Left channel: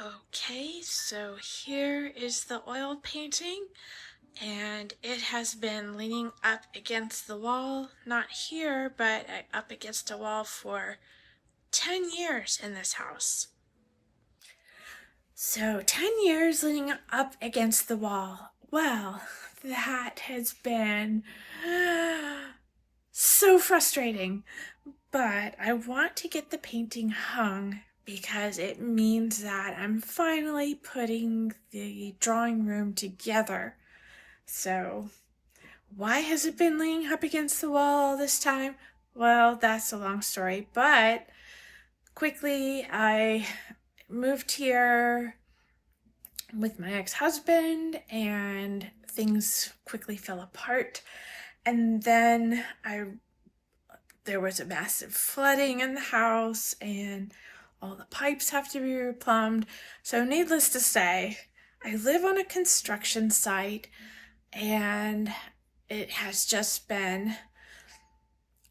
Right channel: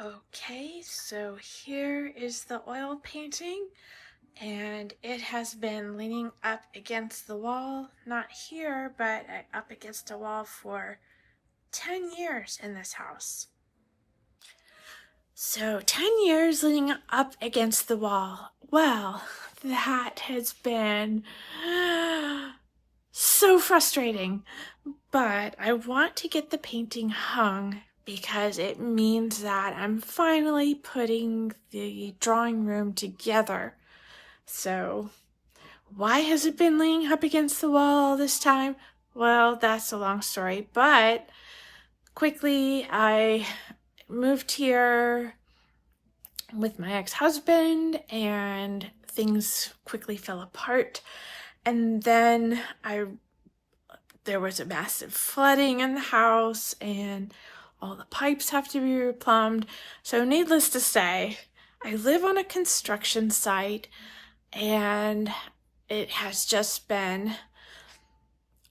Okay, so here is the oil painting, and it has been leaning up against the wall, not here, but up against a wall for 10 years in this house. So 10 years leaning up against the wall. Well, that has been so frustrating, but I want to get the painting hung because it means that I'm finally putting the drawing room together. So why has it been leaning up against the wall all this time? Well, that's a long story, but quickly I moved here with my ex-husband and things quickly fell apart. And then there was a massive flooding in the house and all the pipes have to be replumbed. So needless to say, I live on a construction site and it has just been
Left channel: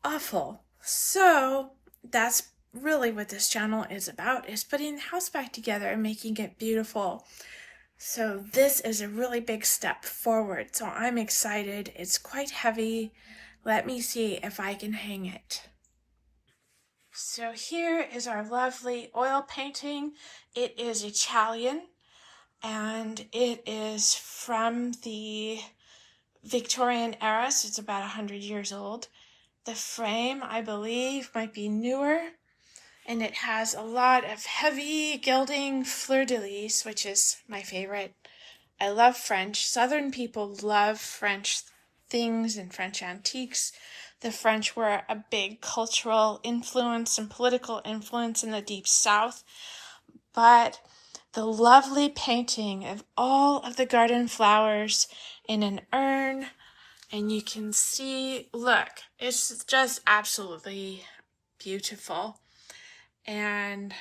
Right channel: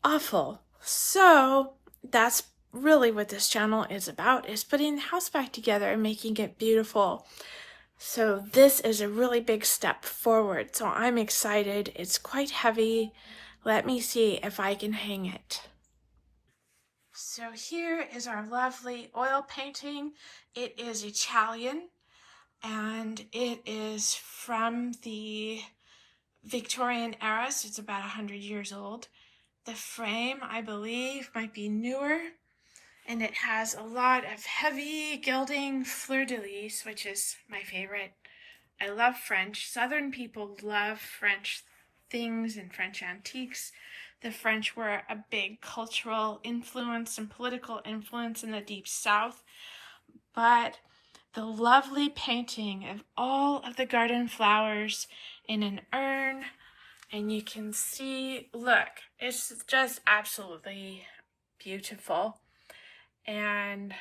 awful. So that's really what this channel is about, is putting the house back together and making it beautiful. So this is a really big step forward. So I'm excited. It's quite heavy. Let me see if I can hang it. So here is our lovely oil painting. It is Italian and it is from the Victorian era, so it's about 100 years old. The frame, I believe, might be newer, and it has a lot of heavy gilding fleur-de-lis, which is my favorite. I love French. Southern people love French things and French antiques. The French were a big cultural influence and political influence in the Deep South. But the lovely painting of all of the garden flowers in an urn, and you can see, look, it's just absolutely beautiful. And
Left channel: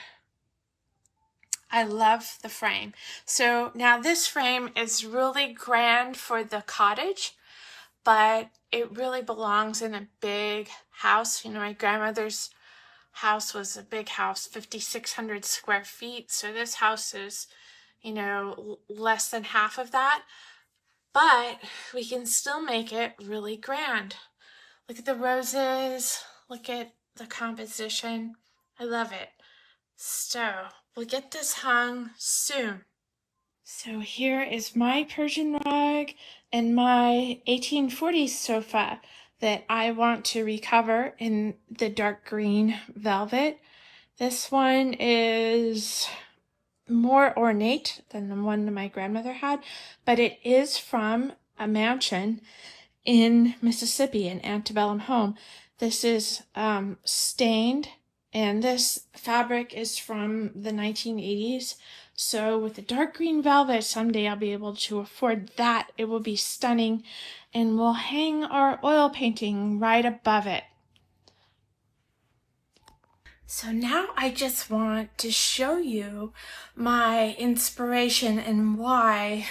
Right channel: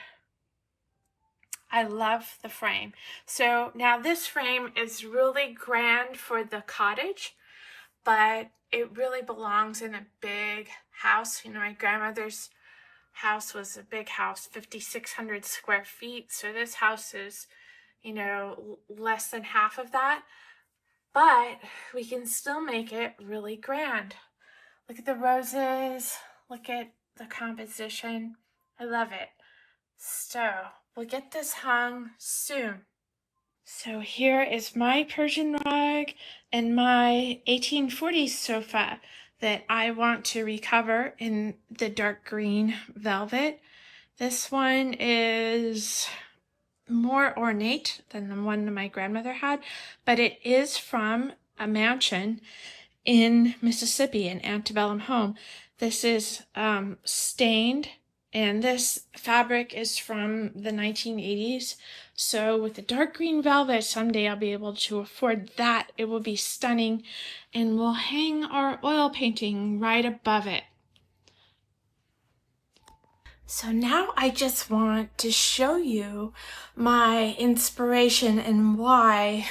I love the frame. So now this frame is really grand for the cottage, but it really belongs in a big house. You know, my grandmother's house was a big house, 5,600 square feet. So this house is, you know, less than half of that, but we can still make it really grand. Look at the roses, look at the composition. I love it. So we'll get this hung soon. So here is my Persian rug and my 1840s sofa that I want to recover in the dark green velvet. This one is more ornate than the one my grandmother had, but it is from a mansion in Mississippi, an antebellum home. This is stained, and this fabric is from the 1980s. So with the dark green velvet, someday I'll be able to afford that. It will be stunning, and we'll hang our oil painting right above it. So now I just want to show you my inspiration and why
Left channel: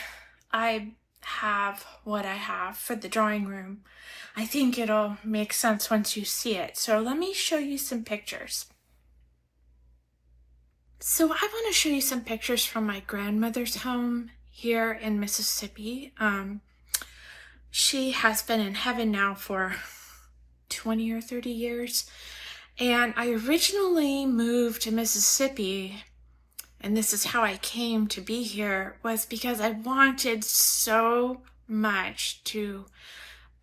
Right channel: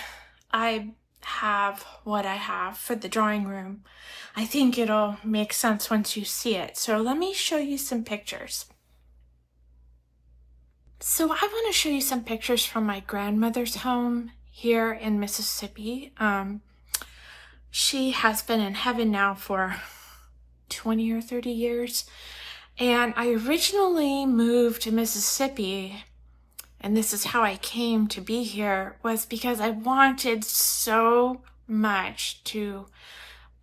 I have what I have for the drawing room. I think it'll make sense once you see it. So let me show you some pictures. So I want to show you some pictures from my grandmother's home here in Mississippi. She has been in heaven now for 20 or 30 years. And I originally moved to Mississippi, and this is how I came to be here, was because I wanted so much to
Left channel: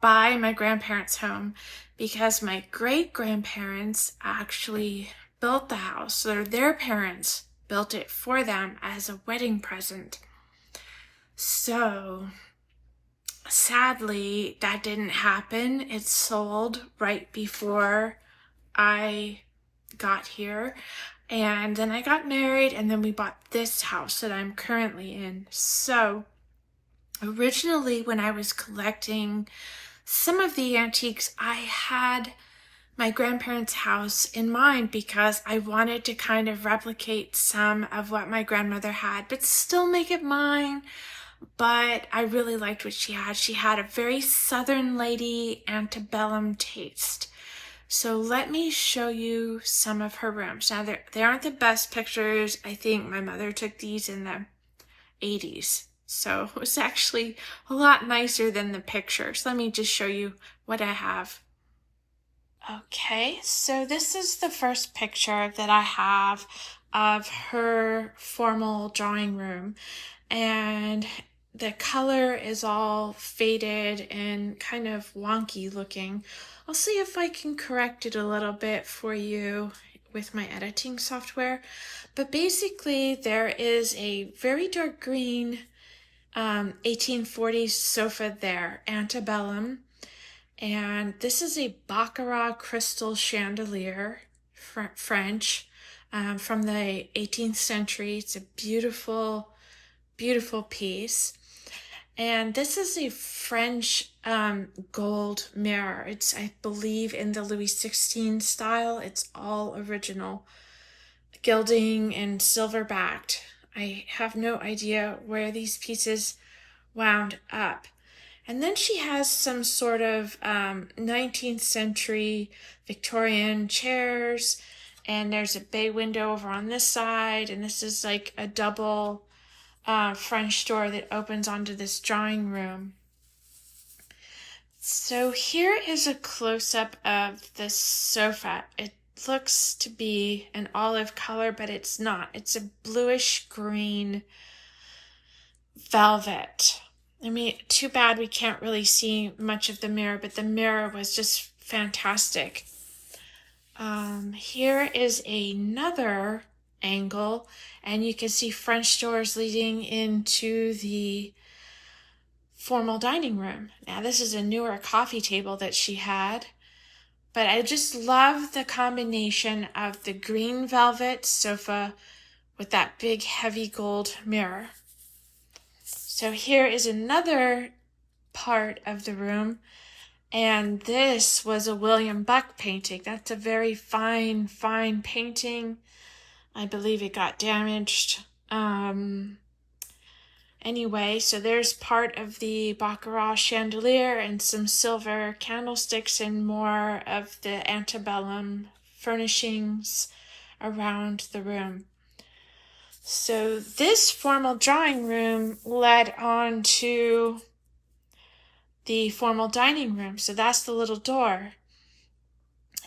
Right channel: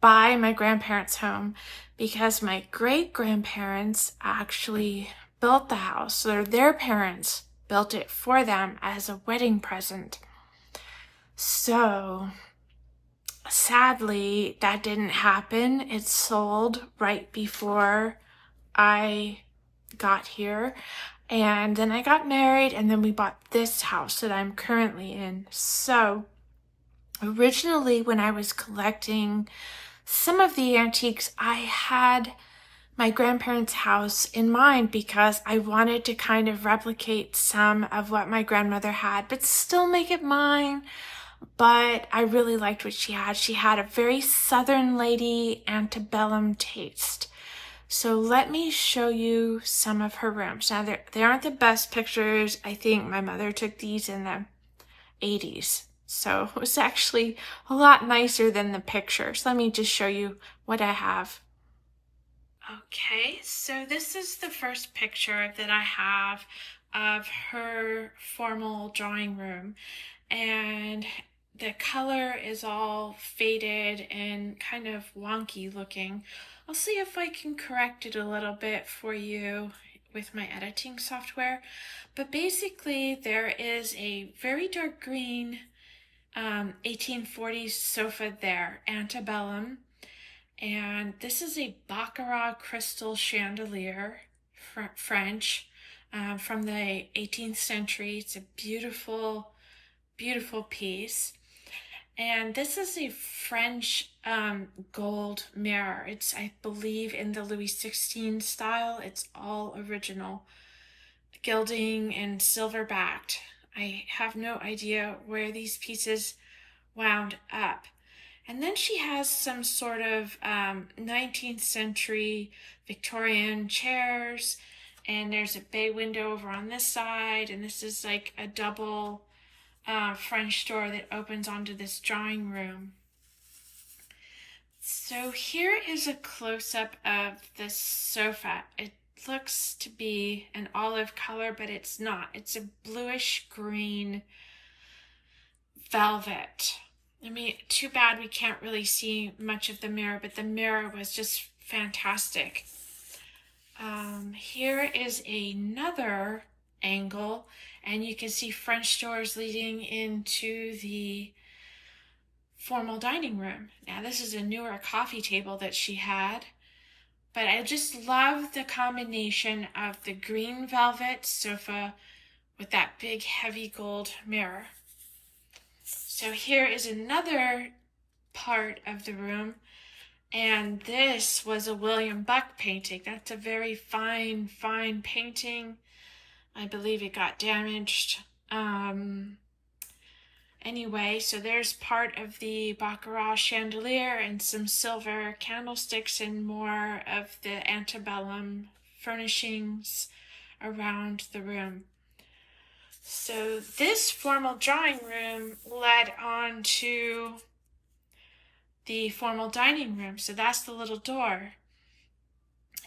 buy my grandparents' home, because my great-grandparents actually built the house, or their parents built it for them as a wedding present. So sadly, that didn't happen. It sold right before I got here, and then I got married, and then we bought this house that I'm currently in. So originally, when I was collecting some of the antiques, I had my grandparents' house in mind because I wanted to kind of replicate some of what my grandmother had, but still make it mine. But I really liked what she had. She had a very Southern lady antebellum taste. So let me show you some of her rooms. Now, they aren't the best pictures. I think my mother took these in the 80s. So it was actually a lot nicer than the pictures. Let me just show you what I have. Okay, so this is the first picture that I have of her formal drawing room. And the color is all faded and kind of wonky looking. I'll see if I can correct it a little bit for you with my editing software. But basically there is a very dark green 1840s sofa there, antebellum. And this is a Baccarat crystal chandelier, French, from the 18th century. It's a beautiful, beautiful piece. And this is a French gold mirror. It's, I believe, in the Louis XVI style. It's all original gilding and silver backed. I have no idea where these pieces wound up. And then she has some sort of 19th century Victorian chairs, and there's a bay window over on this side, and this is like a double French door that opens onto this drawing room. So here is a close-up of the sofa. It looks to be an olive color, but it's not. It's a bluish green velvet. I mean, too bad we can't really see much of the mirror, but the mirror was just fantastic. Here is another angle, and you can see French doors leading into the formal dining room. Now, this is a newer coffee table that she had, but I just love the combination of the green velvet sofa with that big heavy gold mirror. So here is another part of the room, and this was a William Buck painting. That's a very fine, fine painting. I believe it got damaged. Anyway, so there's part of the Baccarat chandelier and some silver candlesticks and more of the antebellum furnishings around the room. So this formal drawing room led on to the formal dining room. So that's the little door.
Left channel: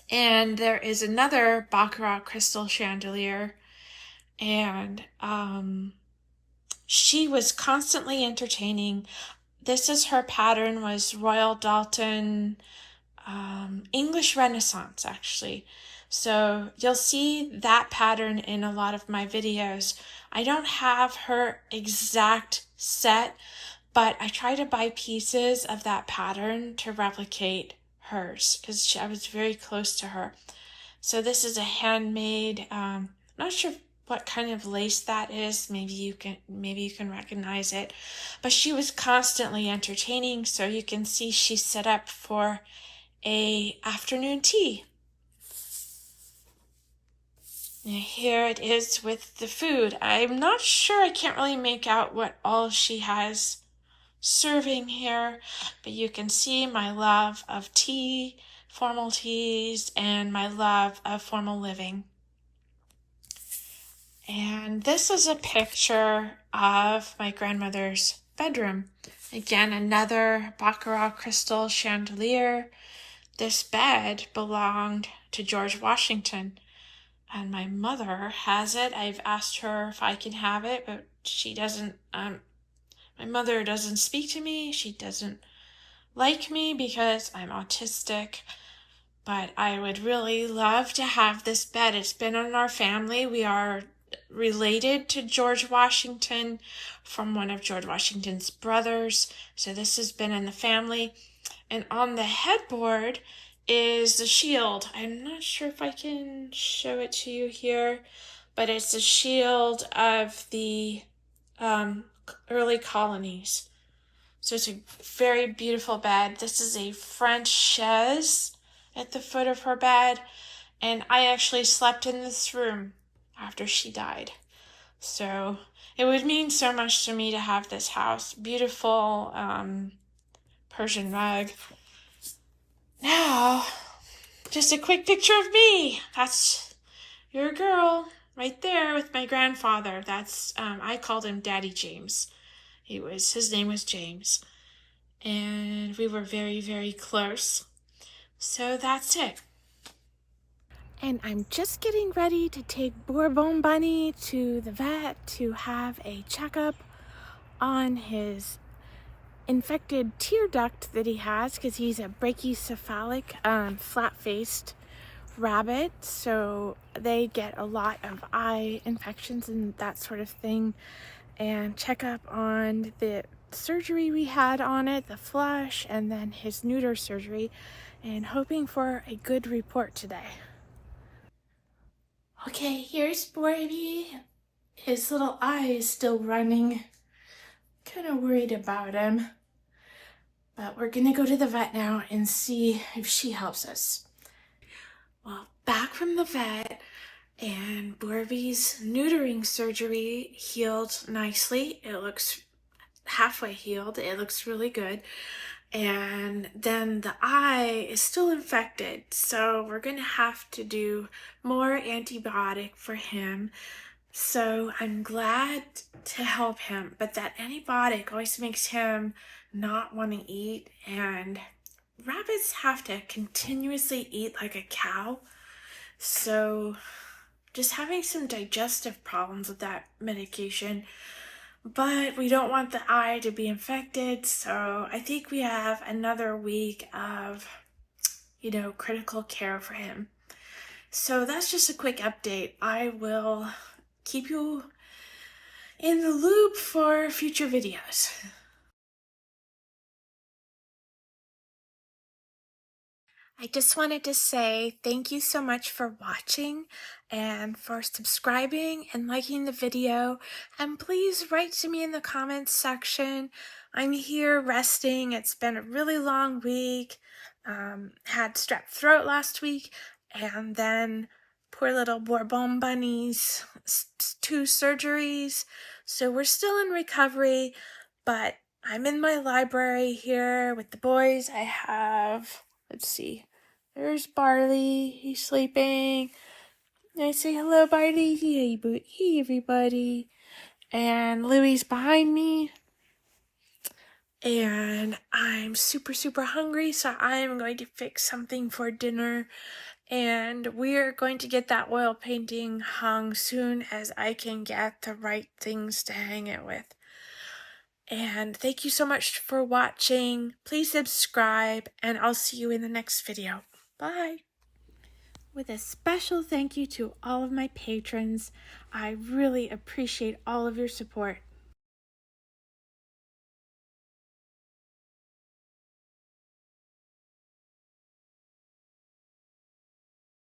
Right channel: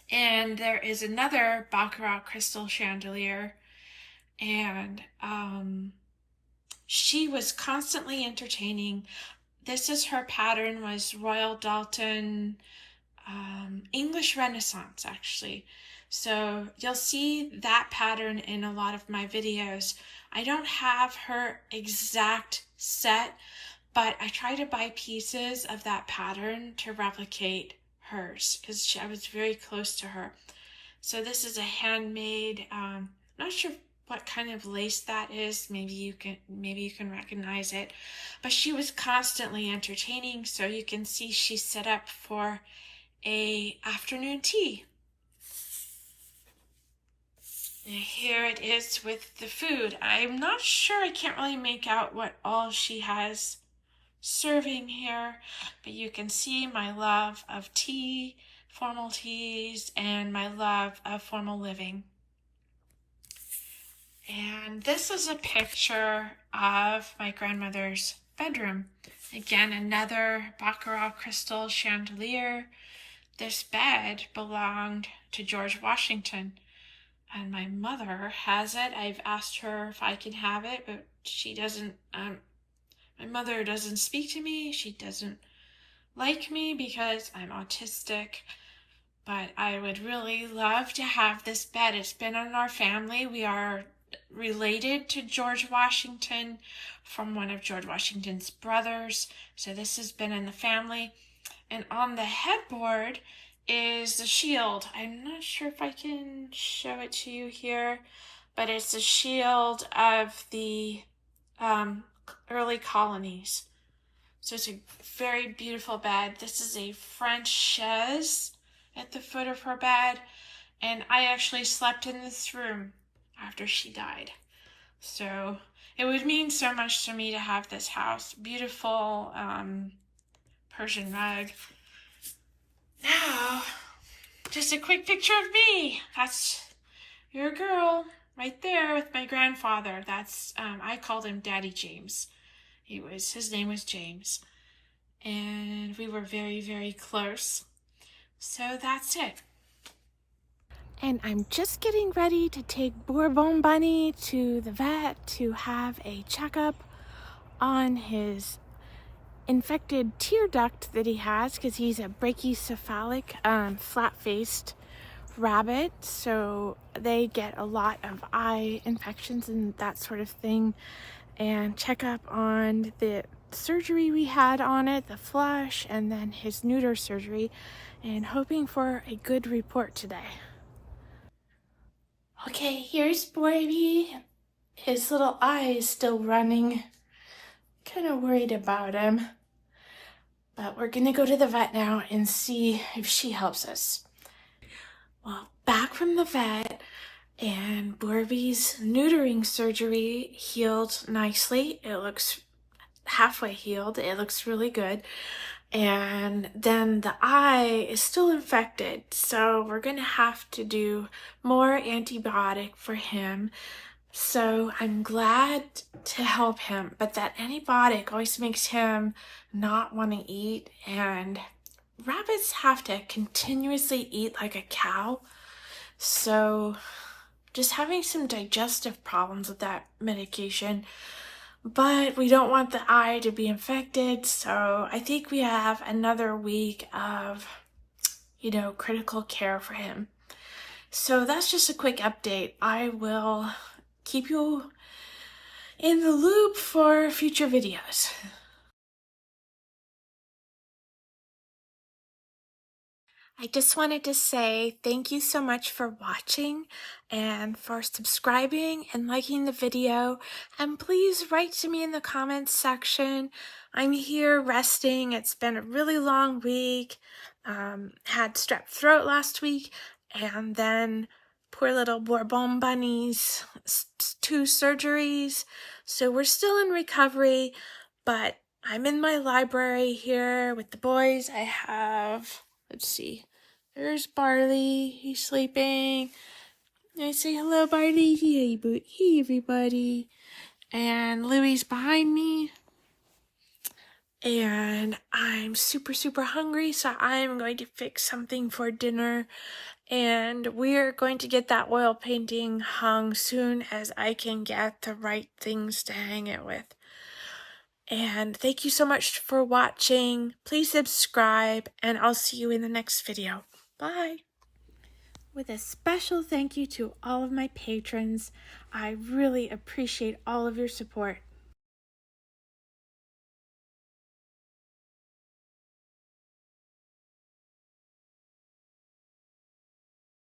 And there is another Baccarat crystal chandelier. And she was constantly entertaining. This is her pattern, was Royal Dalton, English Renaissance, actually. So you'll see that pattern in a lot of my videos. I don't have her exact set, but I try to buy pieces of that pattern to replicate hers because I was very close to her. So this is a handmade, not sure what kind of lace that is. Maybe you can recognize it. But she was constantly entertaining, so you can see she's set up for a afternoon tea. And here it is with the food. I'm not sure, I can't really make out what all she has serving here, but you can see my love of tea, formal teas, and my love of formal living. And this is a picture of my grandmother's bedroom. Again, another Baccarat crystal chandelier. This bed belonged to George Washington, and my mother has it. I've asked her if I can have it, but she doesn't. My mother doesn't speak to me. She doesn't like me because I'm autistic. But I would really love to have this bed. It's been in our family. We are related to George Washington from one of George Washington's brothers. So this has been in the family. And on the headboard is the shield. I'm not sure if I can show it to you here, but it's the shield of the early colonies. So it's a very beautiful bed. This is a French chaise at the foot of her bed, and I actually slept in this room after she died. So it would mean so much to me to have this house. Beautiful Persian rug. Now, Just a quick picture of me. That's your girl right there with my grandfather. That's I called him Daddy James. His name was James, and we were very, very close. So that's it. And I'm just getting ready to take Bourbon Bunny to the vet to have a checkup on his infected tear duct that he has, because he's a brachycephalic, flat-faced rabbit, so they get a lot of eye infections and that sort of thing. And check up on the surgery we had on it, the flush, and then his neuter surgery, and hoping for a good report today. Okay, here's Borby. His little eye is still running. Kind of worried about him. But we're gonna go to the vet now and see if she helps us. Well, back from the vet, and Borby's neutering surgery healed nicely. It looks halfway healed. It looks really good. And then the eye is still infected, so we're gonna have to do more antibiotic for him. So I'm glad to help him, but that antibiotic always makes him not want to eat, and rabbits have to continuously eat like a cow. So just having some digestive problems with that medication. But we don't want the eye to be infected, so I think we have another week of, critical care for him. So that's just a quick update. I will keep you in the loop for future videos. I just wanted to say thank you so much for watching and for subscribing and liking the video. And please write to me in the comments section. I'm here resting. It's been a really long week. Had strep throat last week, and then poor little Bourbon Bunny's 2 surgeries. So we're still in recovery, but I'm in my library here with the boys. I have, let's see, there's Barley, he's sleeping. I say hello, Barley. Hey, everybody. And Louie's behind me. And I'm super, super hungry, so I'm going to fix something for dinner. And we're going to get that oil painting hung soon as I can get the right things to hang it with. And thank you so much for watching. Please subscribe, and I'll see you in the next video. Bye. With a special thank you to all of my patrons. I really appreciate all of your support.